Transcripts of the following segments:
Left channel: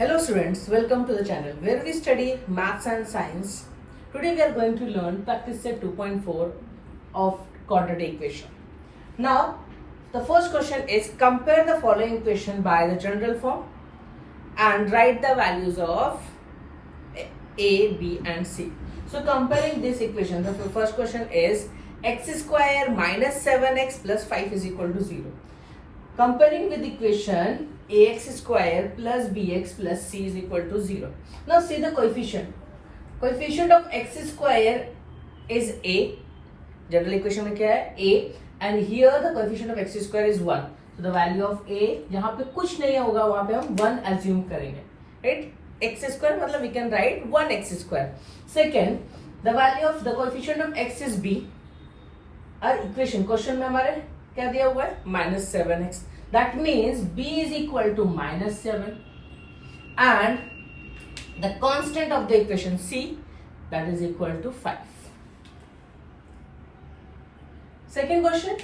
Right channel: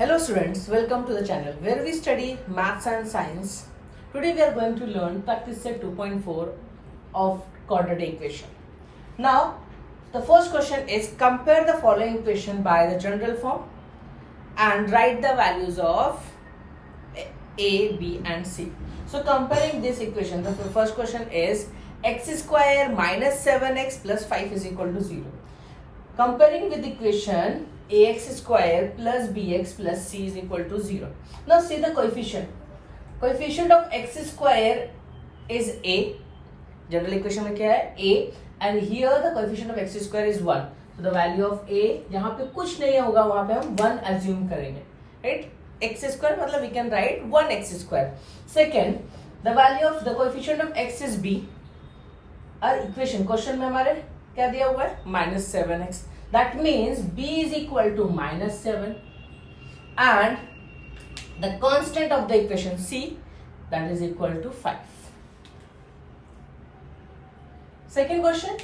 Hello students, welcome to the channel where we study maths and science. Today we are going to learn practice set 2.4 of quadratic equation. Now the first question is compare the following equation by the general form and write the values of A, B and C. So comparing this equation, the first question is x square minus 7x plus 5 is equal to 0. Comparing with equation ax square plus bx plus c is equal to 0. Now see the coefficient. Coefficient of x square is a. General equation में क्या है a, and here the coefficient of x square is 1. So the value of a जहाँ पे कुछ नहीं होगा वहाँ पे हम 1 assume करेंगे, right? x square मतलब we can write 1x square. Second, the value of the coefficient of x is b. Our equation question में हमारे क्या दिया हुआ है -7x. That means b is equal to -7 and the constant of the equation c, that is equal to 5. Second question,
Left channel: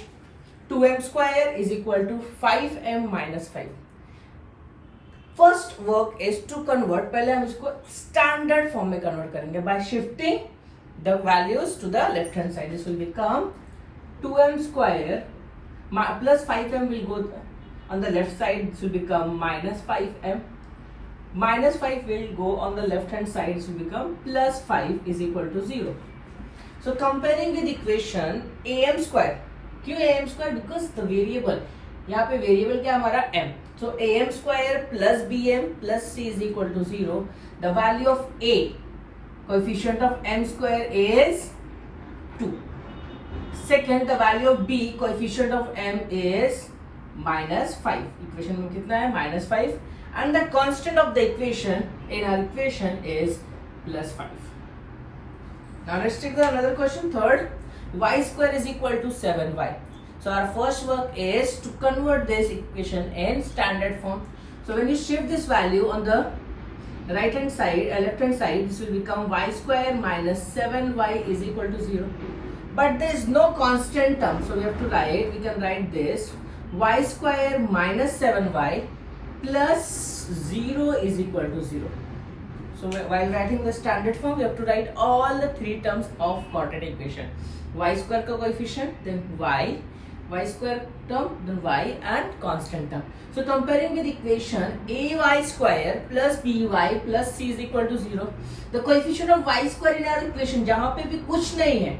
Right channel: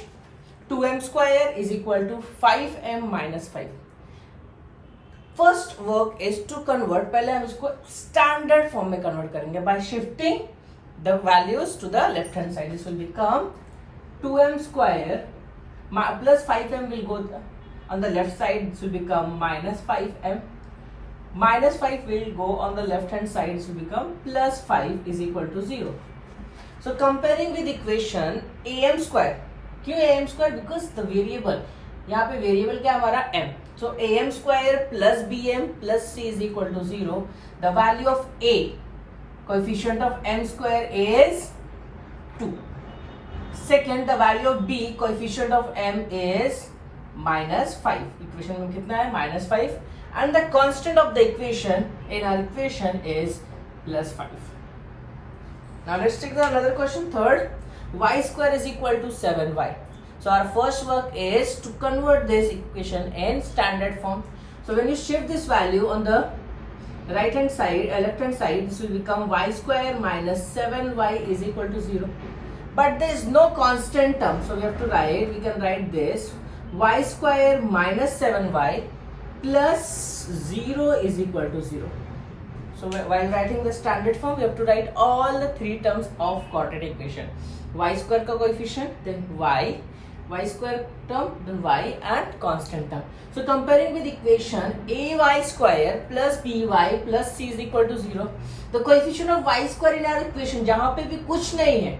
2m square is equal to 5m minus 5. First work is to convert. पहले हम इसको standard form में convert करेंगे by shifting the values to the left hand side. This will become 2m square plus 5m will go on the left side. This will become minus 5m. Minus 5 will go on the left hand side. This will become plus 5 is equal to 0. So comparing with equation am square. क्यों am square? Because the variable, यहाँ पे variable क्या हमारा m. So am square plus bm plus c is equal to 0. The value of a, coefficient of m square is 2. Second, the value of b, coefficient of m is -5. Equation में कितना है -5 and the constant of the equation in our equation is +5. Now let's take another question. Third, y square is equal to 7y. So our first work is to convert this equation in standard form. So when you shift this value on the right hand side, left hand side, this will become y square minus 7y is equal to 0. But there is no constant term, so we have to write, we can write this y square minus 7y plus 0 is equal to 0. So while writing the standard form, we have to write all the three terms of quadratic equation. Y square का coefficient, then y square term, then y and constant term. So comparing with equation ay square plus by plus c is equal to 0. The coefficient of y square in our equation जहाँ पे भी कुछ नहीं है,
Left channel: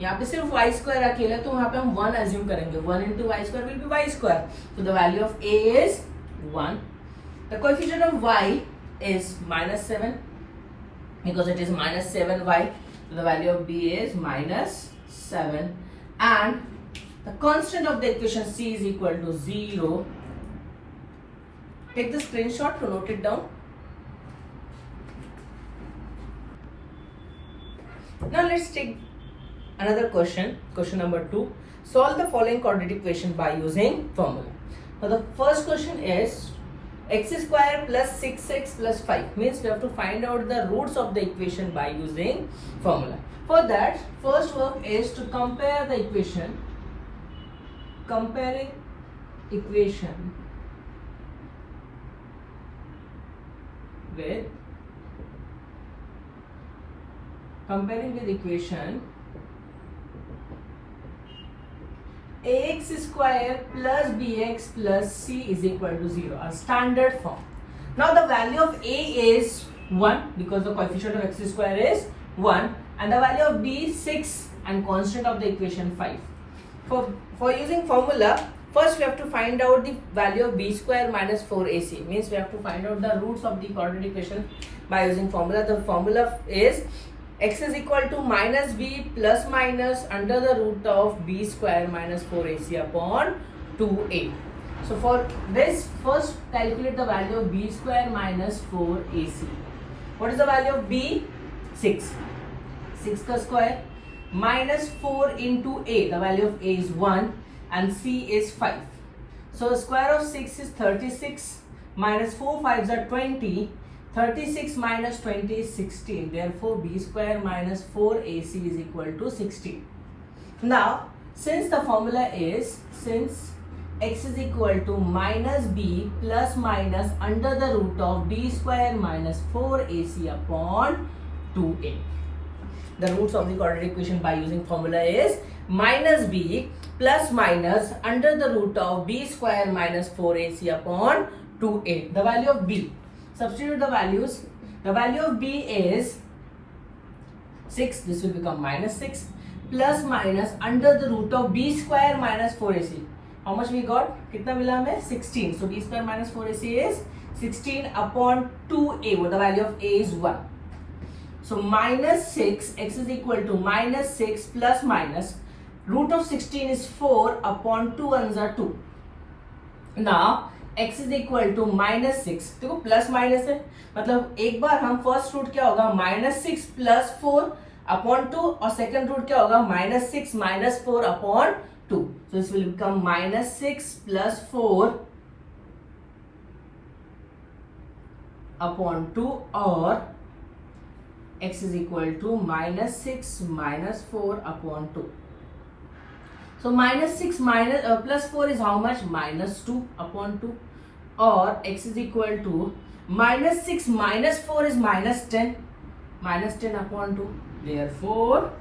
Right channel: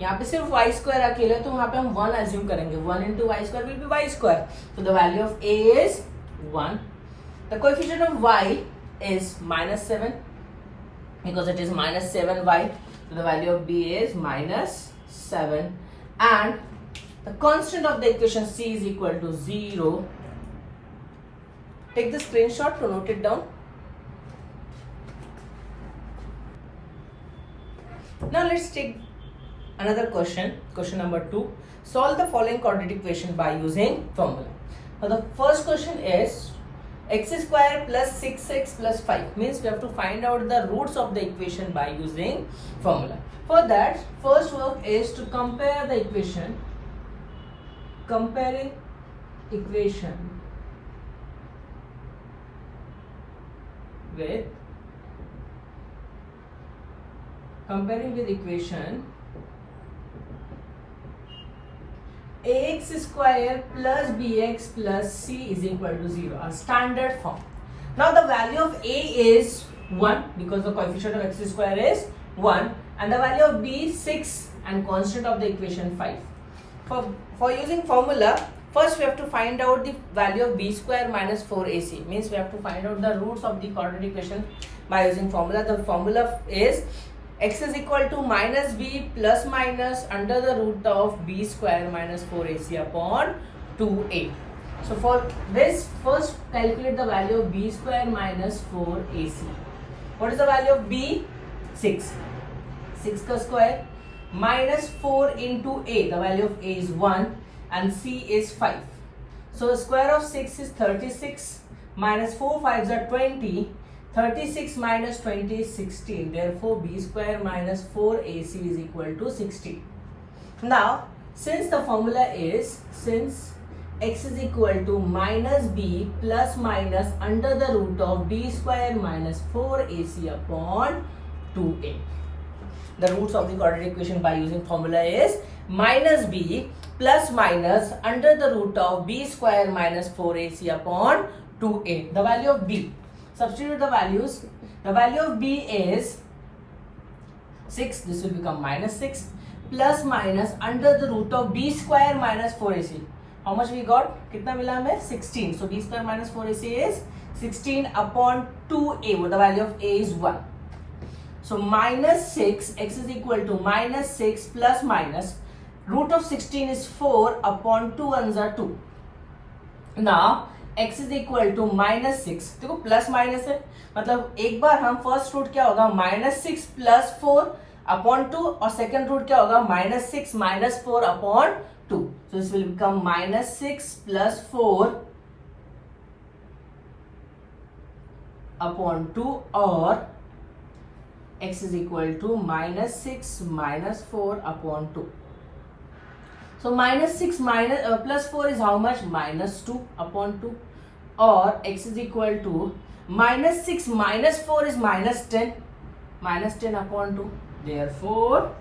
यहाँ पे सिर्फ y square अकेला, तो वहाँ पे हम 1 assume करेंगे. 1 into y square will be y square. So the value of a is 1. The coefficient of y is -7 because it is -7y. So the value of b is -7 and the constant of the equation c is equal to 0. Take the screenshot to note it down. Now let's take another question, question number 2. Solve the following quadratic equation by using formula. Now the first question is x square plus 6x plus 5, means we have to find out the roots of the equation by using formula. For that, first work is to compare the equation, comparing equation with equation ax square plus bx plus c is equal to 0, a standard form. Now the value of a is 1 because the coefficient of x square is 1 and the value of b is 6 and constant of the equation 5. For using formula, first we have to find out the value of b square minus 4ac, means we have to find out the roots of the quadratic equation by using formula. The formula is x is equal to minus b plus minus under the root of b square minus 4ac upon 2a. So for this, first calculate the value of b square minus 4ac. What is the value of b? 6. 6 ka square minus 4 into a. The value of a is 1 and c is 5. So square of 6 is 36 minus 4 5s are 20. 36 minus 20 is 60. Therefore, b square minus 4ac is equal to 60. Now, since the formula is, since x is equal to minus b plus minus under the root of b square minus 4ac upon 2a. The roots of the quadratic equation by using formula is minus b plus minus under the root of b square minus 4ac upon 2a. The value of b. Substitute the values. The value of b is 6. This will become minus 6 plus minus under the root of b square minus 4ac. How much we got? कितना मिला हमें? 16. So b square minus 4ac is 16 upon 2a. The value of a is 1. So minus 6, x is equal to minus 6 plus minus root of 16 is 4 upon 2 ones are 2. Now x is equal to minus 6. देखो plus minus है, मतलब एक बार हम first root क्या होगा minus 6 plus 4 upon 2 और second root क्या होगा minus 6 minus 4 upon 2. So this will become minus 6 plus 4 upon 2 or x is equal to minus 6 minus 4 upon 2. So minus 6 minus plus 4 is how much? Minus 2 upon 2 or x is equal to minus 6 minus 4 is minus 10. Minus 10 upon 2. Therefore,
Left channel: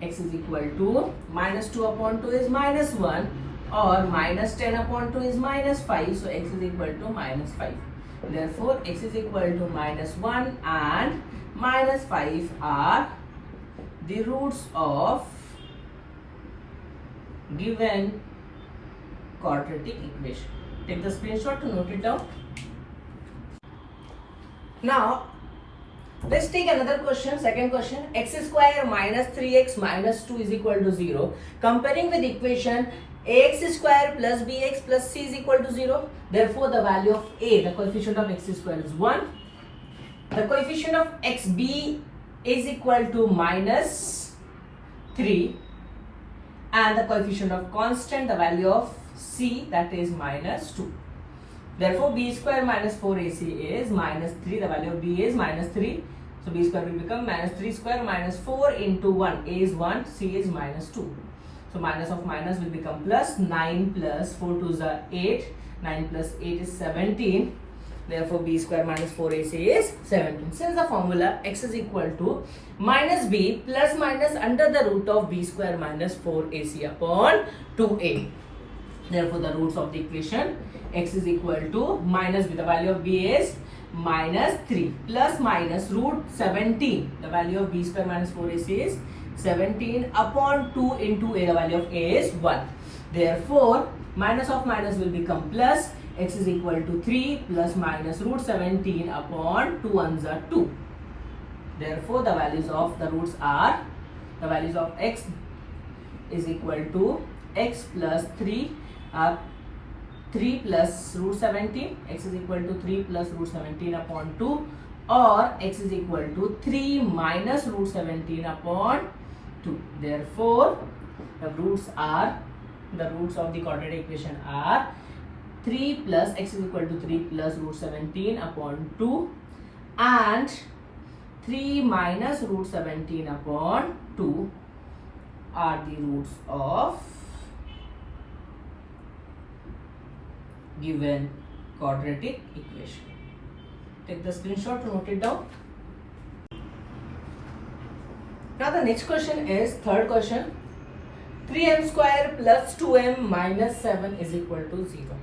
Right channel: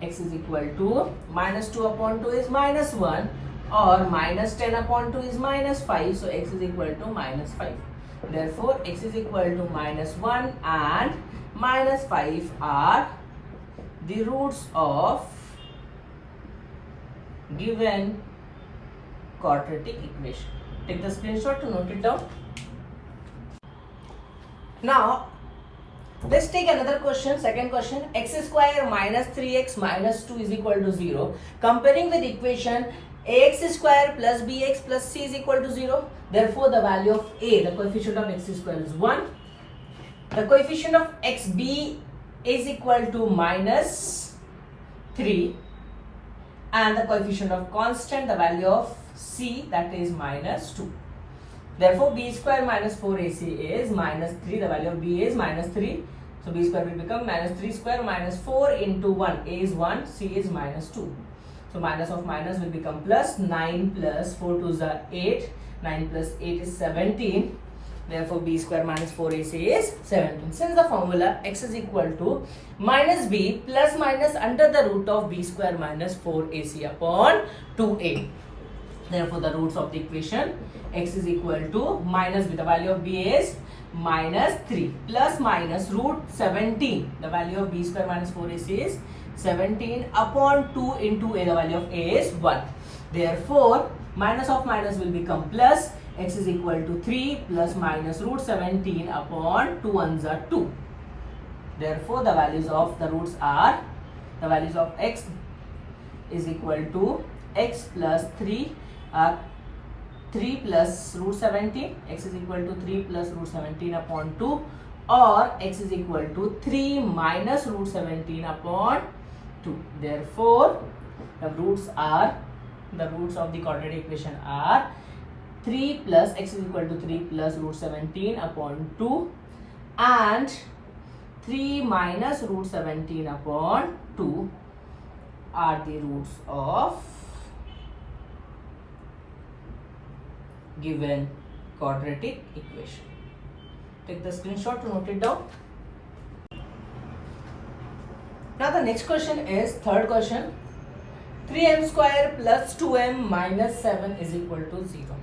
x is equal to minus 2 upon 2 is minus 1 or minus 10 upon 2 is minus 5. So x is equal to minus 5. Therefore, x is equal to minus 1 and minus 5 are the roots of given quadratic equation. Take the screenshot to note it down. Now, let's take another question, second question. X square minus 3x minus 2 is equal to 0. Comparing with equation ax square plus bx plus c is equal to 0. Therefore, the value of a, the coefficient of x square is 1. The coefficient of xb is equal to minus 3. And the coefficient of constant, the value of c, that is minus 2. Therefore, b square minus 4ac is minus 3. The value of b is minus 3. So, b square will become minus 3 square minus 4 into 1. A is 1, c is minus 2. So, minus of minus will become plus. 9 plus 4 to the 8. 9 plus 8 is 17. Therefore, b square minus 4ac is 17. Since the formula x is equal to minus b plus minus under the root of b square minus 4ac upon 2a. Therefore, the roots of the equation x is equal to minus b. The value of b is minus 3 plus minus root 17. The value of b square minus 4ac is 17 upon 2 into a. The value of a is 1. Therefore, minus of minus will become plus. X is equal to 3 plus minus root 17 upon 2 ones are 2. Therefore, the values of the roots are, the values of x is equal to x plus 3 3 plus root 17. X is equal to 3 plus root 17 upon 2 or x is equal to 3 minus root 17 upon 2. Therefore, the roots of the quadratic equation are 3 plus x is equal to 3 plus root 17 upon 2 and 3 minus root 17 upon 2 are the roots of given quadratic equation. Take the screenshot to note it down. Now the next question is third question. 3m square plus 2m minus 7 is equal to 0.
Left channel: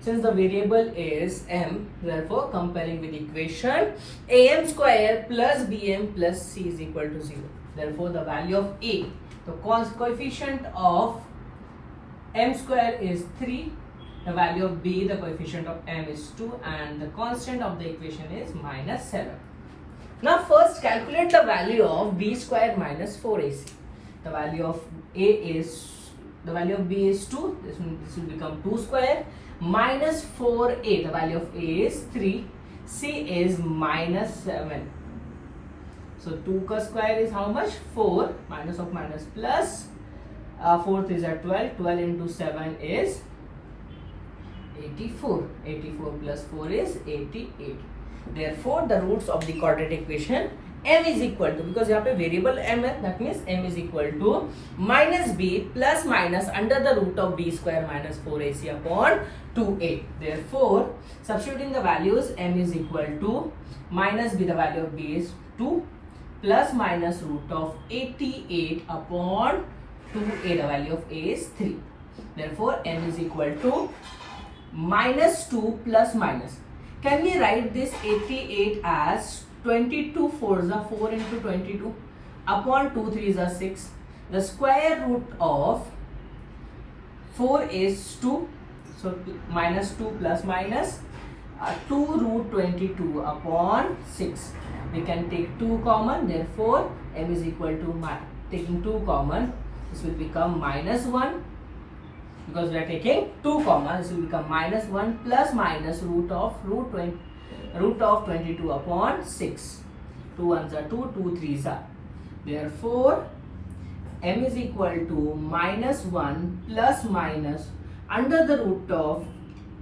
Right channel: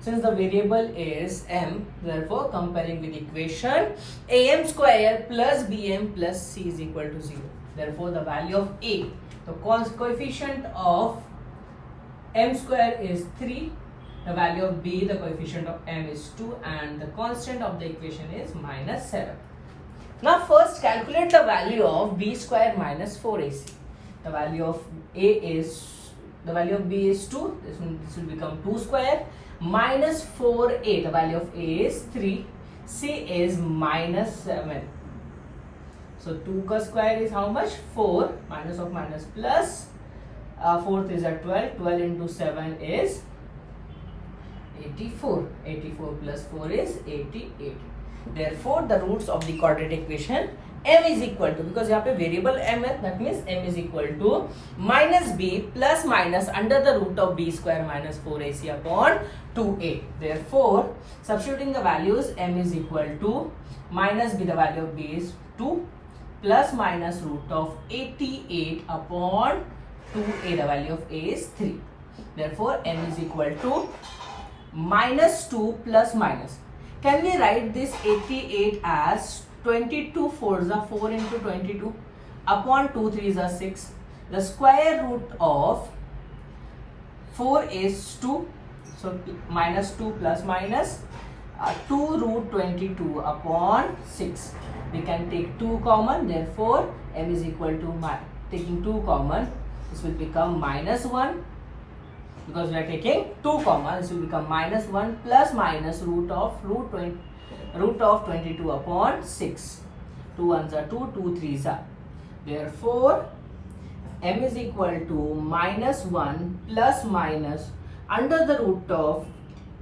Since the variable is m, therefore comparing with equation am square plus bm plus c is equal to 0. Therefore the value of a, the coefficient of m square is 3. The value of b, the coefficient of m is 2 and the constant of the equation is minus 7. Now first calculate the value of b square minus 4ac. The value of a is, the value of b is 2. This will become 2 square minus 4a. The value of a is 3. C is minus 7. So 2 ka square is how much? 4. Minus of minus plus. 4th is at 12. 12 into 7 is 84. 84 plus 4 is 88. Therefore, the roots of the quadratic equation m is equal to, because यहाँ पे variable m है, that means m is equal to minus b plus minus under the root of b square minus 4ac upon 2a. Therefore, substituting the values, m is equal to minus b, the value of b is 2, plus minus root of 88 upon 2a, the value of a is 3. Therefore, m is equal to minus 2 plus minus. Can we write this 88 as 22 4s are 4 into 22 upon 2 3s are 6. The square root of 4 is 2. So minus 2 plus minus 2 root 22 upon 6. We can take 2 common. Therefore, m is equal to, taking 2 common, this will become minus 1. Because we are taking 2 common, this will become minus 1 plus minus root of 22 upon 6. 2 1s are 2, 2 3s are. Therefore, m is equal to minus 1 plus minus under the root of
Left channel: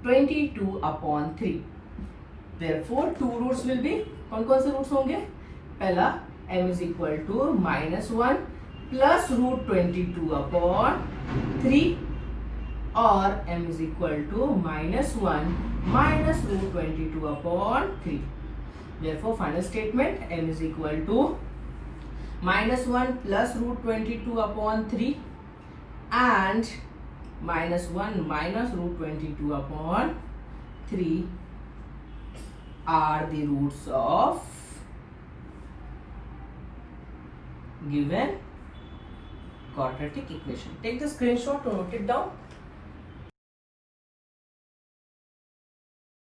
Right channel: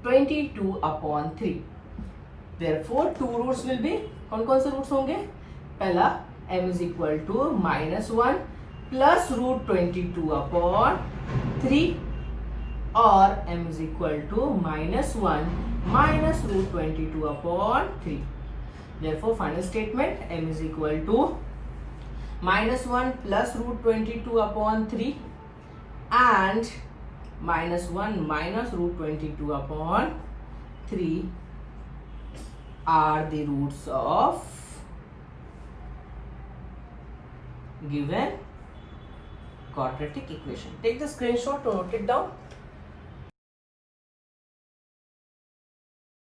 22 upon 3. Therefore, 2 roots will be, कौन से roots होंगे? पहला, m is equal to minus 1 plus root 22 upon 3. Or m is equal to minus 1 minus root 22 upon 3. Therefore, final statement, m is equal to minus 1 plus root 22 upon 3 and minus 1 minus root 22 upon 3 are the roots of given quadratic equation. Take the screenshot to note it down.